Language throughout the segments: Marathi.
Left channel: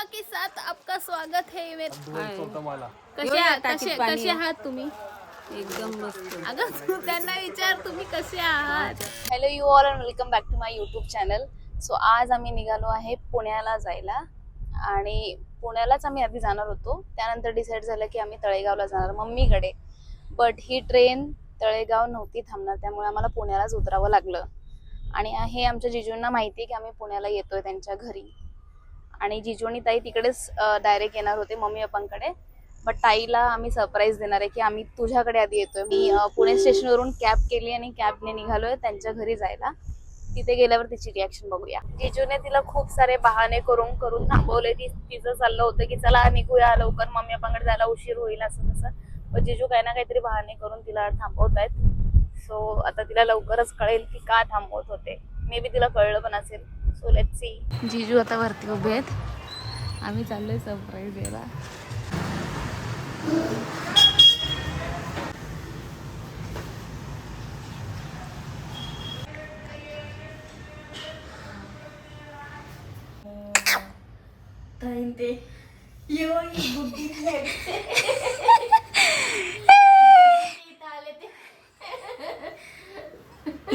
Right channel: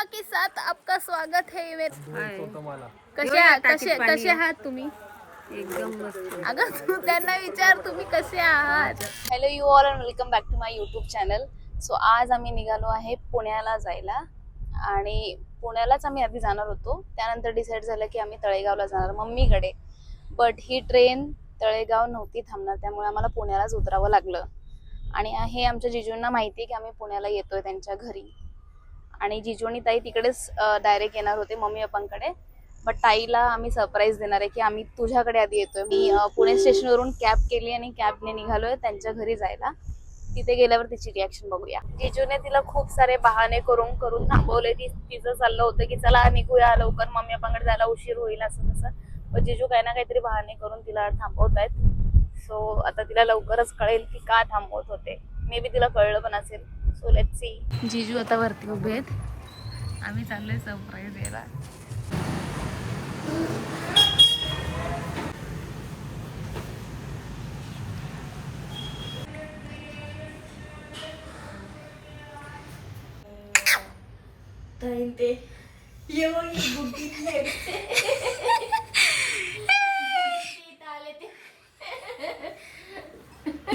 मामा के साथ आपका स्वागत है कसे आहात तुम्ही? एकदम मस्त. अगं तू त्यांना विचार तुम्ही कसे आहात. Hello you all and welcome back to my YouTube channel. So आज आम्ही निघालो आहे पुण्याला जायला आणि पुण्यालाच आम्ही आधी जाणार होतो. त्यानंतर डिसाईड झालं की आम्ही तळेगावला जाणार मम्मीकडे. बट ही ट्रेन तळेगाव नव्हती थांबणार, त्यामुळे आम्हाला पुण्यालाच उतरावं लागलं. आणि हे आमच्या जिजूंना माहिती आहे की आम्ही पुण्याला येतोय त्यांच्या घरी. आणि जिजू आणि ताई तिकडेच डायरेक्ट येणार होते मम्मी पप्पांकडे. बट ताईला आम्ही सरप्राईज देणार आहे की आम्ही तुझ्याकडे आधी येतोय. मी पुणे स्टेशनवरून कॅब केली आणि कॅबने निघालोय त्यांच्या घरी जायला. तिथे गेल्यावर तिची रिॲक्शन बघूया. जिजूने तिला खूप सारे बहाणे करून करून थांबवले. तिचं चाललं होतं की चला निघूया लवकर, मम्मी पप्पांकडे जायला उशीर होईल असं तसं. पण जिजू काही ना काहीतरी बहाणे करून तिला थांबवतायत. सो आता तिला लवकरच कळेल की का थांबवत होते. मे बी तिला कळलं पण असेल. So let's see. जिजू आता वरती उभे आहेत, आम्ही चाललोय सरप्राईज द्यायला.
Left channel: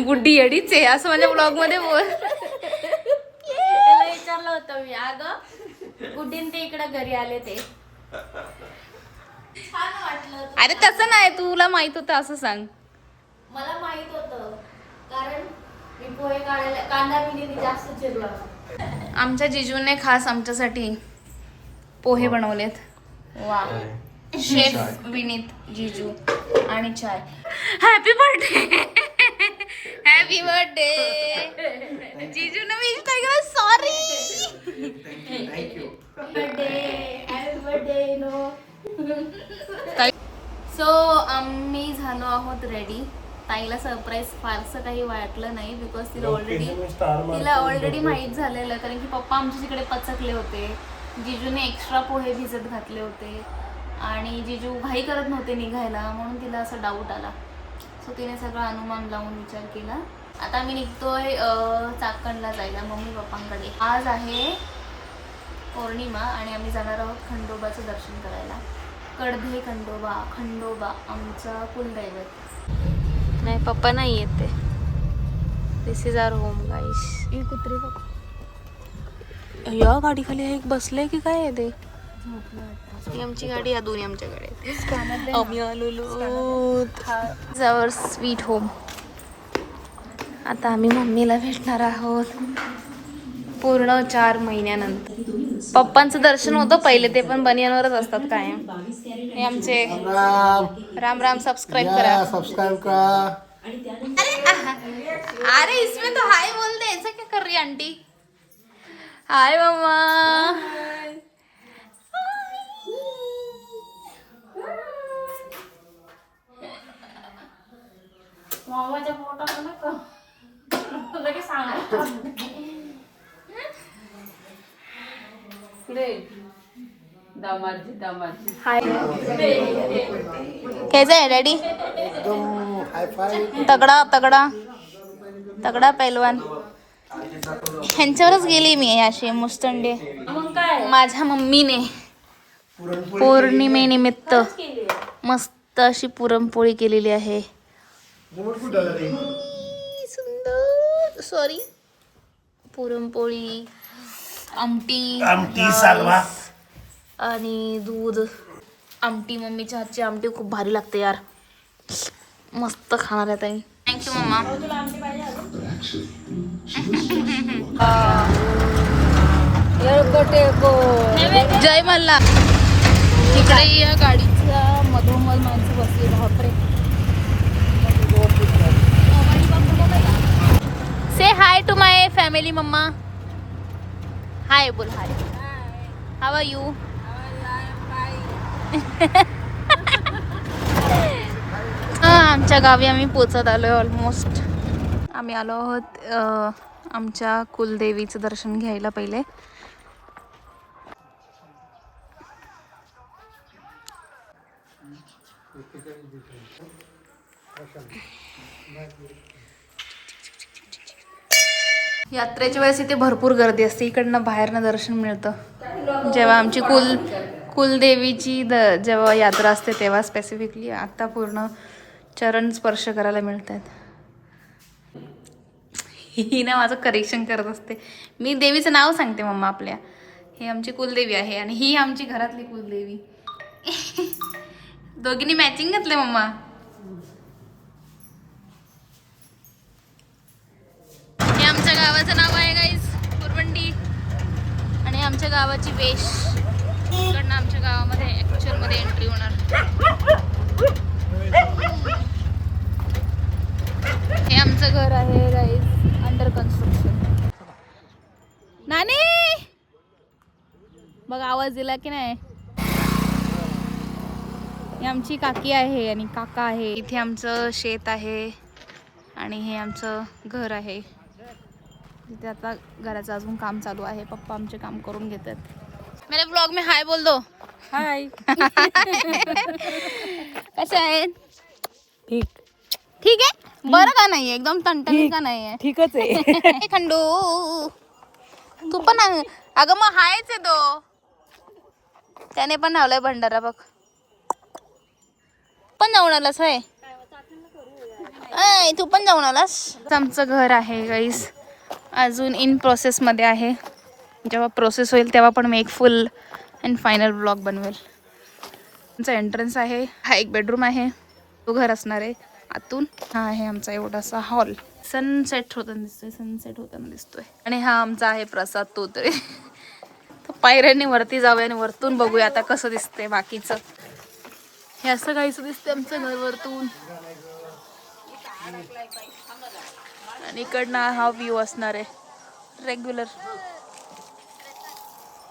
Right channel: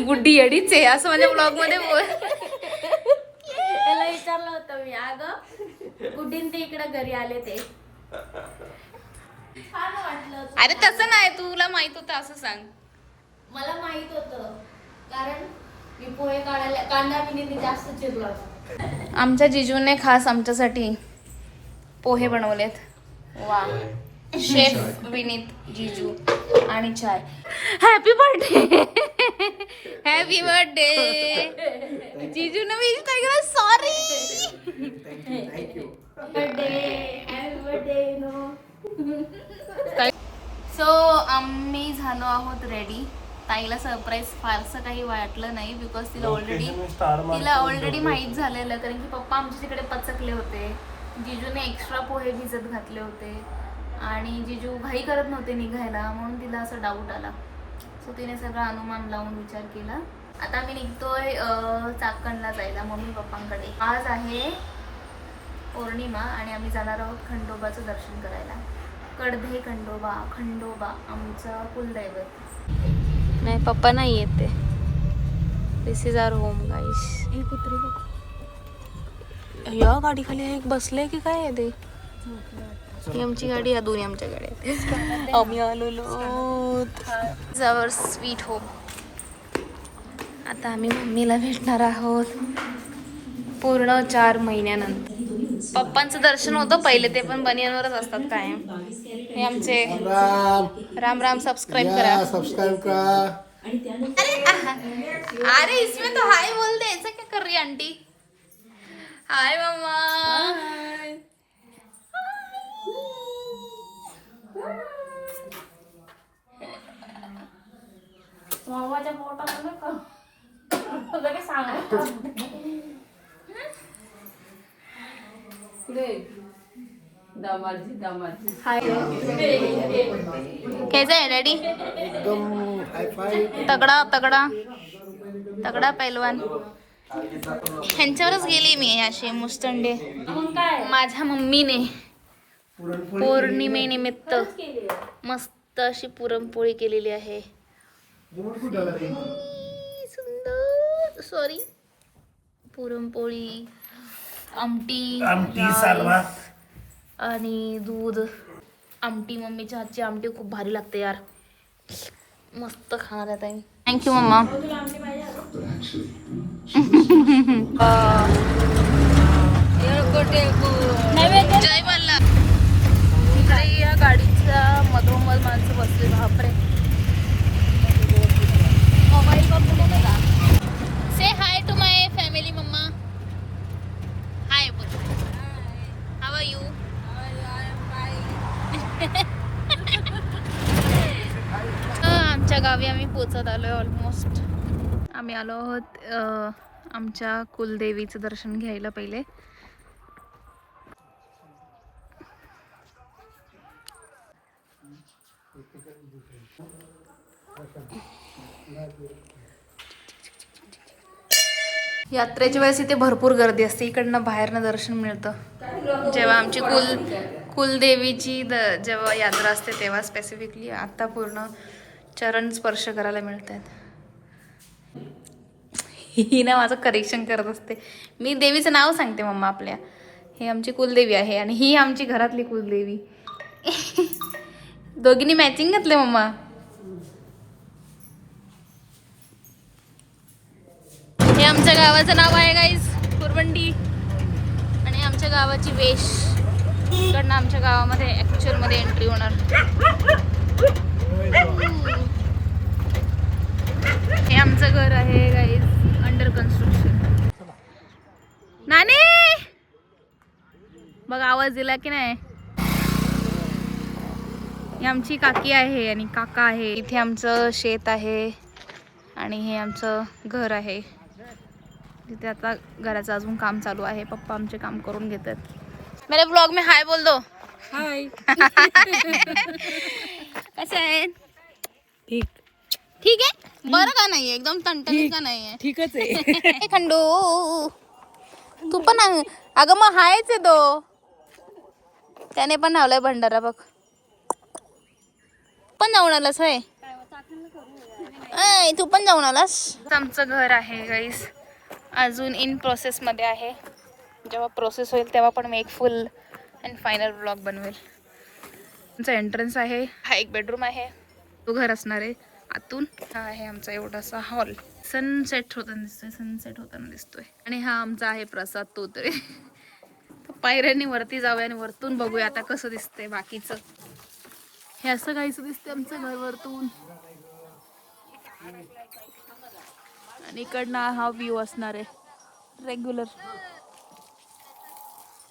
गुड्डी येडीच आहे असं माझ्या ब्लॉग मध्ये बोल. विचारलं होतं मी, अगं गुड्डीन ते इकडे घरी आले ते छान वाटलं. अरे तसं नाही, तुला माहित होतं असं सांग. मला माहित होतं कारण मी पोहे कांदा मी जास्त चिरला होता. आमच्या जिजूने खास आमच्यासाठी पोहे बनवलेत. वा, शेफ विनीत जिजू. आणि चाय. Happy birthday. हॅपी बर्थडे जिजूने विश नाही केलं, सॉरी. Birthday no. सो आम्ही झालो आहोत रेडी. ताईला सरप्राईज फारसं काही वाटलं नाही बिकॉज तिला ऑलरेडी माहीत झालेलं, कारण की पप्पा आमच्या तिकडे पचकले होते. जिजूने एक्स्ट्रा पोहे भिजत घातले होते आणि जिजू घाई करत नव्हते निघायला, म्हणून तिला असं डाऊट आला. सो तिने सगळं अनुमान लावून विचार केला. आता आम्ही निघतोय चाकणला जायला मम्मी पप्पांकडे. आज आहे पौर्णिमा आणि आम्ही जाणार आहोत खंडोबाचं दर्शन करायला. कडधे खंडोबा आमचा कुलदैवत. नाही पप्पा नाही येते. दिस इज आवर होम गाईस. हे कुत्रे बघ, या गाडी खाली एक बसले की काय आहे ते. ही आमची गाडी, या दोन्ही आमच्या गाड्या. आम्ही आलेलो जवळ स्वीट होम. आता आम्ही मम्मीला भेटणार आहोत पूर्ण 4 महिन्यानंतर. पप्पांचं दर्शन होतं पहिले, ते पण बनियनवरच असतात कायम. हे आमचे राम राम. सबस्क्राइब करा. अरे इसमें तो हाय बोल दे, ऐसा क्या कर रही आंटी. हाय मम्मा. मामाच्या पोटाला नका लगेच सांगा. हाय. कैसा है डॅडी? एकदम हाय फाय. तगडा तगडा तगडा पैलवान. ह्यांच्यावरच गेली मी असे मुस्तंडे. माझ्या मम्मीने पौर्णिमेनिमित्त मस्त अशी पुरणपोळी केलेली आहे. सुंदर. सॉरी. पुरणपोळी, आमटी सालवा आणि दूध. आमटी, मम्मीच्या हातची आमटी खूप भारी लागते यार. मस्त खाणार आहे ताई. थँक्यू मम्मा. जय मल्ला. इकडे या गाडीच्या मधोमध माणसं बसली. बापरे. Say hi to my family mamma. Hi बोल. हाय. How are you. आमच्या गावी आम्ही पोचत आलोय ऑलमोस्ट. आम्ही आलो आहोत आमच्या कुलदेवीचं दर्शन घ्यायला पहिले. यात्रेच्या वेळेस इथे भरपूर गर्दी असते. इकडनं बाहेरनं दर्शन मिळतं. जेव्हा आमची कुलदेवीची जेव्हा यात्रा असते तेव्हा स्पेसिफिकली. आता पूर्ण चरण स्पर्श करायला मिळतात. ही ना माझं करेक्शन करत असते. मी देवीचं नाव सांगते मम्मा आपल्या. हे आमची कुलदेवी आहे आणि ही आमची घरातली कुलदेवी. दोघींनी मॅचिंग घातले मम्मा. हे आमच्या गावाचं नाव आहे गाईज, कुरवंडी. आणि आमच्या गावाची वेश. इकडनं आमच्या गावामध्ये ऍक्च्युअल मध्ये एंट्री होणार. हे आमचं घर आहे गाईज, अंडर कन्स्ट्रक्शन. नानी बघ आवाज दिला की नाही. ही आमची काकी आहे आणि काका आहे. इथे आमचं शेत आहे आणि हे आमचं घर आहे. तिथे आता घराचं अजून काम चालू आहे. पप्पा आमचे काम करून घेतात. मेरे ब्लॉग में हाय बोल दो. हाय. कसे आहेत? ठीक ठीक आहे. बरं का नाही एकदम टणटणी का नाही ठीकच आहे. खंडू तू पण अगं मग हायच आहे तो. त्याने पण लावलाय भंडारा बघ. पण जाऊन आलास होय? तू पण जाऊन आलास. आमचं घर आहे गाईस, अजून इन प्रोसेस मध्ये आहे. जेव्हा प्रोसेस होईल तेव्हा पण मी एक फुल अँड फायनल ब्लॉग बनवेल. आमचा एंट्रन्स आहे. हा एक बेडरूम आहे. तो घर असणार आहे आतून. हा आहे आमचा एवढासा हॉल. सनसेट होताना दिसतोय. आणि हा आमचा आहे प्रसाद तोतरे. पायऱ्यांनी वरती जाऊया आणि वरतून बघूया आता कसं दिसतंय बाकीचं. हे असं काहीच दिसतंय आमचं घर वरतून. आणि इकडनं हा व्ह्यू असणार आहे रेग्युलर.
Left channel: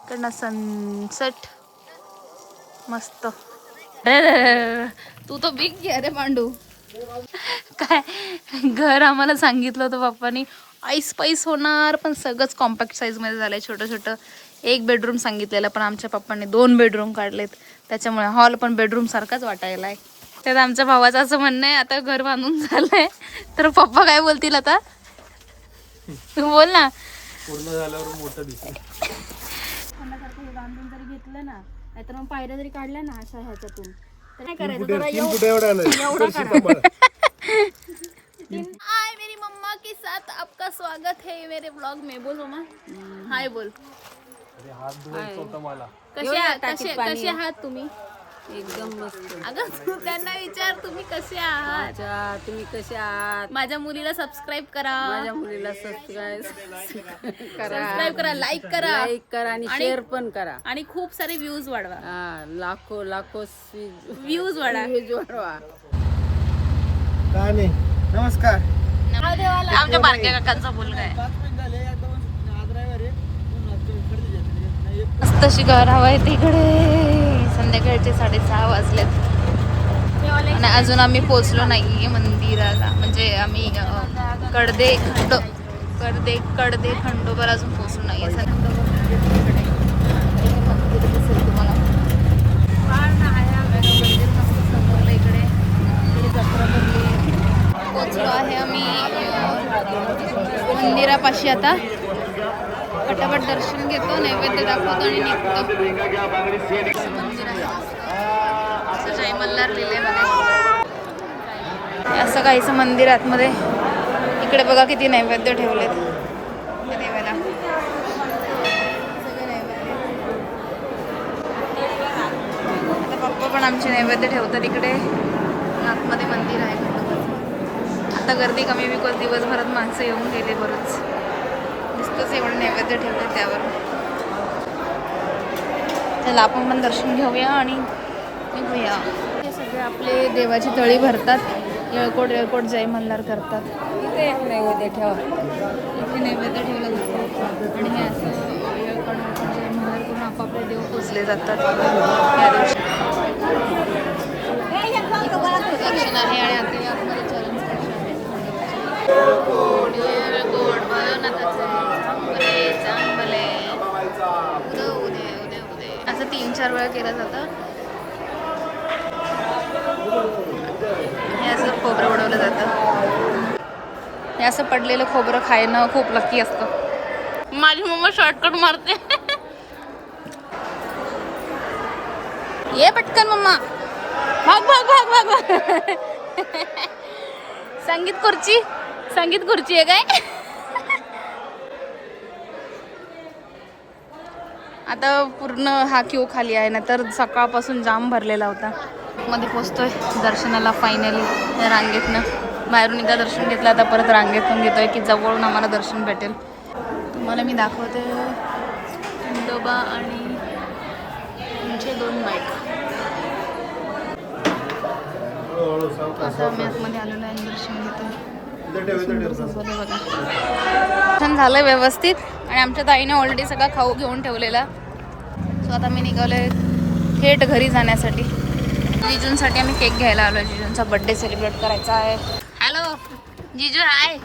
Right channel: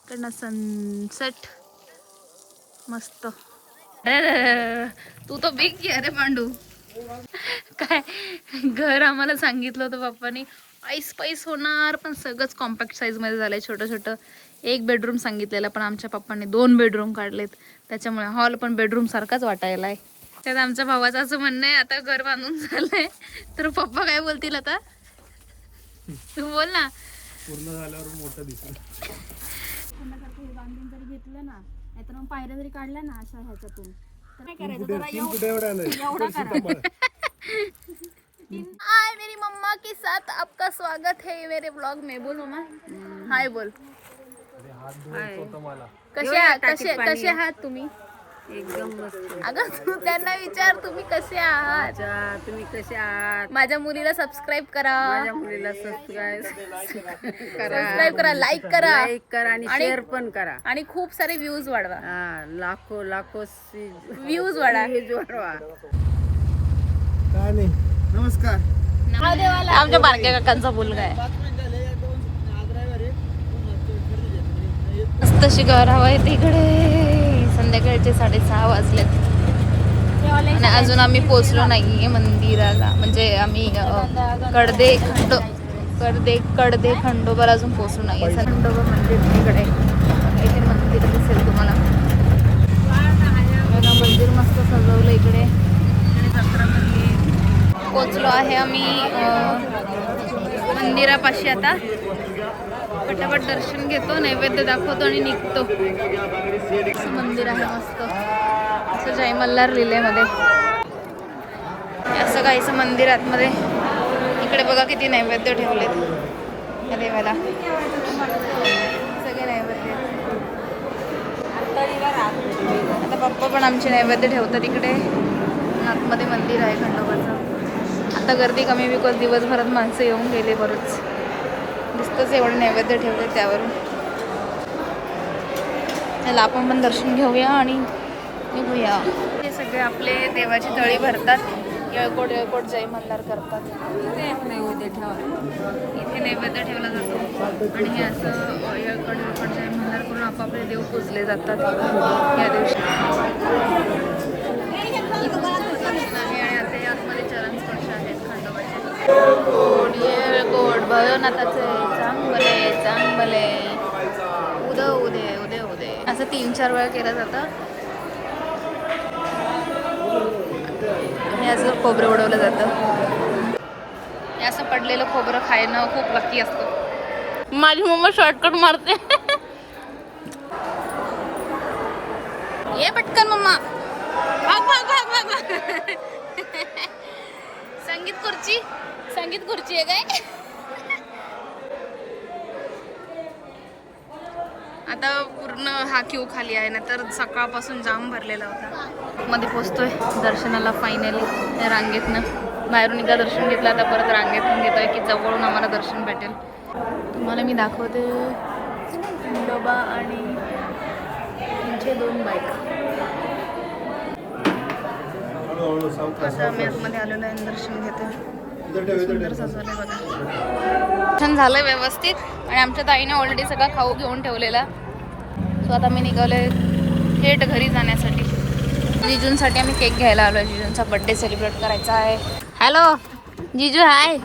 इकडनं सनसेट मस्त. तू तो बिग की अरे पांडू. काय घर आम्हाला सांगितलं होतं पप्पानी आईस पाईस होणार, पण सगळंच कॉम्पॅक्ट साईज मध्ये झालंय. छोटं छोटं एक बेडरूम सांगितलेलं, पण आमच्या पप्पांनी 2 बेडरूम काढलेत. त्याच्यामुळे हॉल पण बेडरूम सारखाच वाटायला आहे. त्यात आमच्या भावाचं असं म्हणणं आहे आता घर बांधून झालंय तर पप्पा काय बोलतील आता. तू बोल ना. पूर्ण झाल्यावर मोठं दिसलं. हे बांधून जरी घेतलं ना, नाहीतर मग पायऱ्या जरी काढल्या ना अशा ह्याच्यातून, तर काय करायचं, कुठे जरा कुठे एवढा नाही. एवढा करा. हाय मेरी मम्मा के साथ आपका स्वागत है मेरे ब्लॉग में. बोल मम्मा. हाय बोल. कसे आहात तुम्ही? एकदम मस्त. अगं तू त्यांना विचार तुम्ही कसे आहात. अच्छा, तुम्ही कसे आहात? माझ्या मुलीला सबस्क्राईब करा. माझ्या मुलीला सबस्क्राईब करा, लाईक करा आणि शेअर पण करा. आणि खूप सारे व्ह्यूज वाढवा. लाखो व्ह्यूज वाढवा. काय नाही. नमस्कार. आमच्या बारक्या काकांचा मुलगा आहे. मस्त अशी घर हवा आहे तिकडे. संध्याकाळचे 6:30 वाजलेत आणि अजून आम्ही पोचलो नाहीये मंदिराला. म्हणजे आम्ही कडदे खंडोबाला अजून पोचलो नाहीये. खंडोबा मंदिर तिकडे. इथे मंदिर दिसेल तुम्हाला. मंदिर मस्त सजवलं इकडे आणि जत्रा भरली. पोचलो आहे आम्ही मंदिरापाशी. आता पटापट दर्शन घेतो, नैवेद्य दाखवतो आणि निघतो. मंदिर आहे मस्त. असं जय मल्हार लिहिले मध्ये असं काहीचं मंदिर आतमध्ये. इकडे बघा किती नैवेद्य ठेवलेत या देवाला. सगळे नैवेद्य. आता पप्पा पण आमचे नैवेद्य ठेवतात इकडे. आतमध्ये मंदिर आहे खंडोबाचं. आता गर्दी कमी बिकॉज दिवसभरात माणसं येऊन गेले बरंच. दिसतंच एवढे नैवेद्य ठेवले त्यावरून. त्याला आपण पण दर्शन घेऊया आणि निघूया. हे सगळे आपले देवाची तळी भरतात. येळकोट जय मल्हार करतात. इथे एक नैवेद्य ठेवा. इथे नैवेद्य ठेवला जातो आणि हे असं येळकोट जय मल्हार करून आपापले देव पूजले जातात या दिवशी. दर्शन आहे आणि आता यामध्ये चरण स्पर्श आहे खंडोबाचे. येळकोट भवनाथाचे चांगले उदे असं 3-4 वेळा केलं जातं. हे असं खोबरं उडवलं जातं. हे असं पडलेलं खोबरं खायनं खूप लकी असतं. माझी मम्मा शॉर्टकट मारते. ये पटकन मम्मा, भाग भाग भाग भाग भाग. संगीत खुर्ची आहे काय? आता पूर्ण हा क्यू खाली आहे ना, तर सकाळपासून जाम भरलेला होता. मध्ये पोचतोय दर्शनाला फायनली रांगेतनं. बाहेरून एकदा दर्शन घेतलं, आता परत रांगेतून घेतोय की जवळून आम्हाला दर्शन भेटेल. तुम्हाला मी दाखवते डबा आणि तुमचे 2 बाईक. आता मी आतमध्ये आलो नाही, दर्शन घेते. दर्शन झालं व्यवस्थित आणि आमच्या ताईने ऑलरेडी सगळा खाऊ घेऊन ठेवलेला. सो आता मी निघालोय थेट घरी जाण्यासाठी. जिजूंसाठी आम्ही केक घ्यायला आलो. जिजूंचा बर्थडे सेलिब्रेट करायचा आहे. हॅलो जिजू, हाय.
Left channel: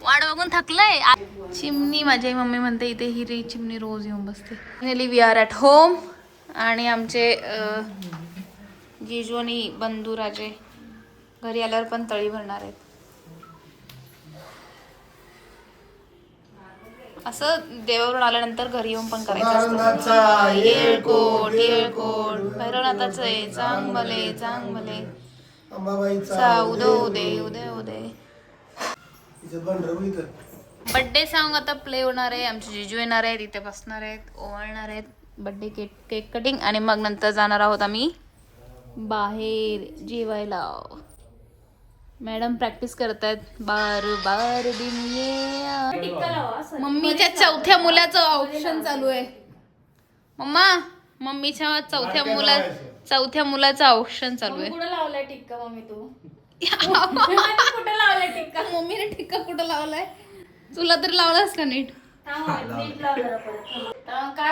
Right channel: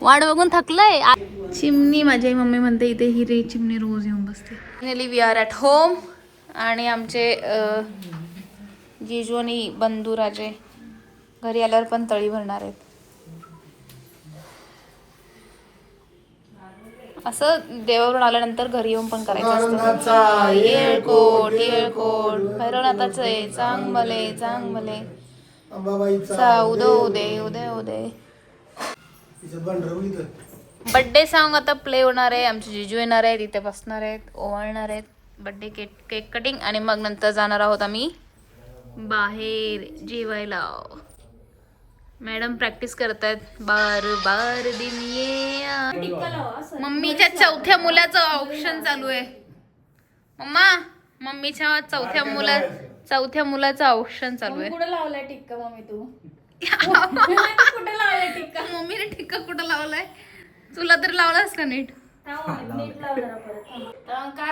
वाट बघून थकलंय. चिमणी, माझी मम्मी म्हणते इथे ही रे चिमणी रोज येऊन बसते. Finally we are at home. आणि आमचे जिजू आणि बंधू राजे घरी आल्यावर पण तळी भरणार आहेत. असं देवावरून आल्यानंतर घरी येऊन पण करायचं असतं. येळकोट येळकोट भैरवनाथाचं आहे. चांगले चांगले उदो दे उदय उदय. बर्थडे सॉन्ग आता प्ले होणार आहे. आमचे जिजू येणार आहेत, इथे बसणार आहेत, ओवाळणार आहेत. बर्थडे केक कटिंग आणि मग नंतर जाणार आहोत आम्ही बाहेर जेवायला. मॅडम प्रॅक्टिस करतात. बार बार दिन ये. मम्मीच्या 4थ्या मुलाचं ऑप्शन चालू आहे. मम्मा, मम्मीच्या 4थ्या मुलाचं ऑप्शन चालू आहे. कुठं लावलाय टिक्का मम्मी तू? कुठे लावलाय टिक्का? मम्मीने टिक्का कुठं लावलाय? तुला तर लावलास का नीट? काढ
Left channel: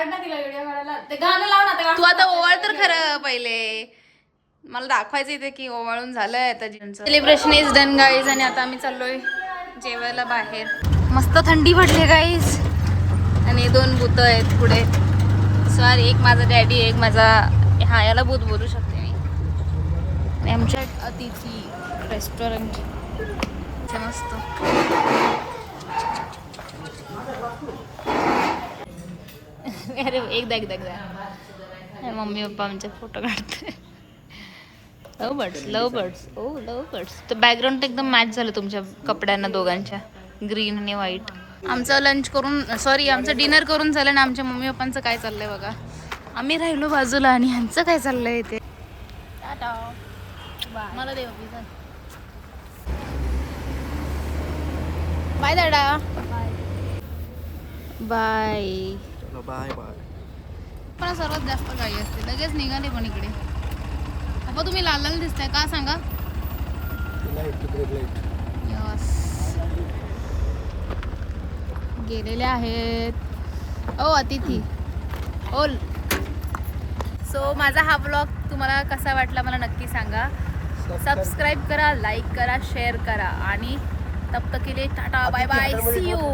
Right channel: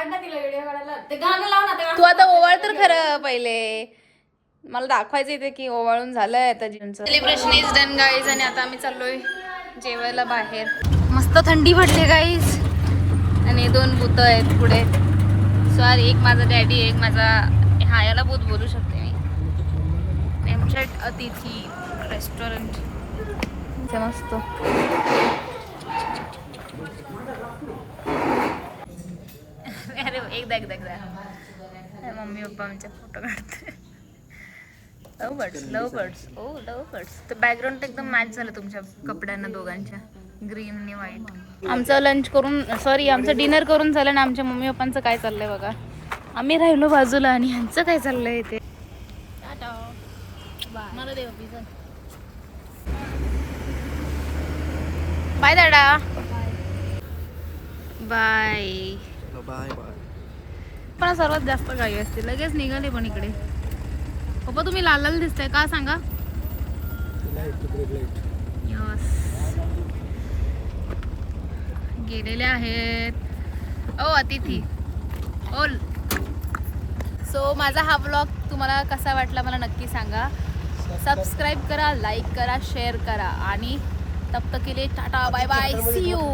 ना तिला व्हिडिओ काढायला. ते गाणं लाव ना. तू आता ओवाळ तर खरं पहिले. मला दाखवायचं इथे की ओवाळून झालंय आता. जिंचं सेलिब्रेशन इज डन गाईज. आणि आता आम्ही चाललोय जेवायला बाहेर. मस्त थंडी पडली गाईज. आणि 2 भूत आहेत पुढे. सॉरी, एक माझा डॅडी, एक माझा हा, याला भूत बोलू शकते मी. एमचॅट अतिथी रेस्टॉरंट मस्त. अरे एकदा मम्मी पप्पा आमचे फोटो काढते. लव बर्ड्स. तर बॅकग्राऊंड एकदम मॅच झालं तुमच्या कपड्यांना दोघांच्या, ग्रीन आणि व्हाईट. आमचं लंच करून आमचं डिनर करून झालं ना. आमच्या मम्मी पप्पांचं काय चाललंय बघा. आम्ही राहिलो बाजूला आणि ह्यांचं काय चाललंय इथे. मला दे बाय दादा. बाय. पण सर्वात जास्त गाई असते. लगेच निघाले पण इकडे. पप्पा तुम्ही लाल लाल दिसताय का सांगा. यस, गेलेले आहेत. ओ अतिथी ओल. सो माझा हा व्लॉग तुम्हाला कसा वाटला मला नक्की सांगा. सबस्क्राईब करा, लाईक करा, शेअर करा. आणि तब तक के लिए tata bye bye, see you.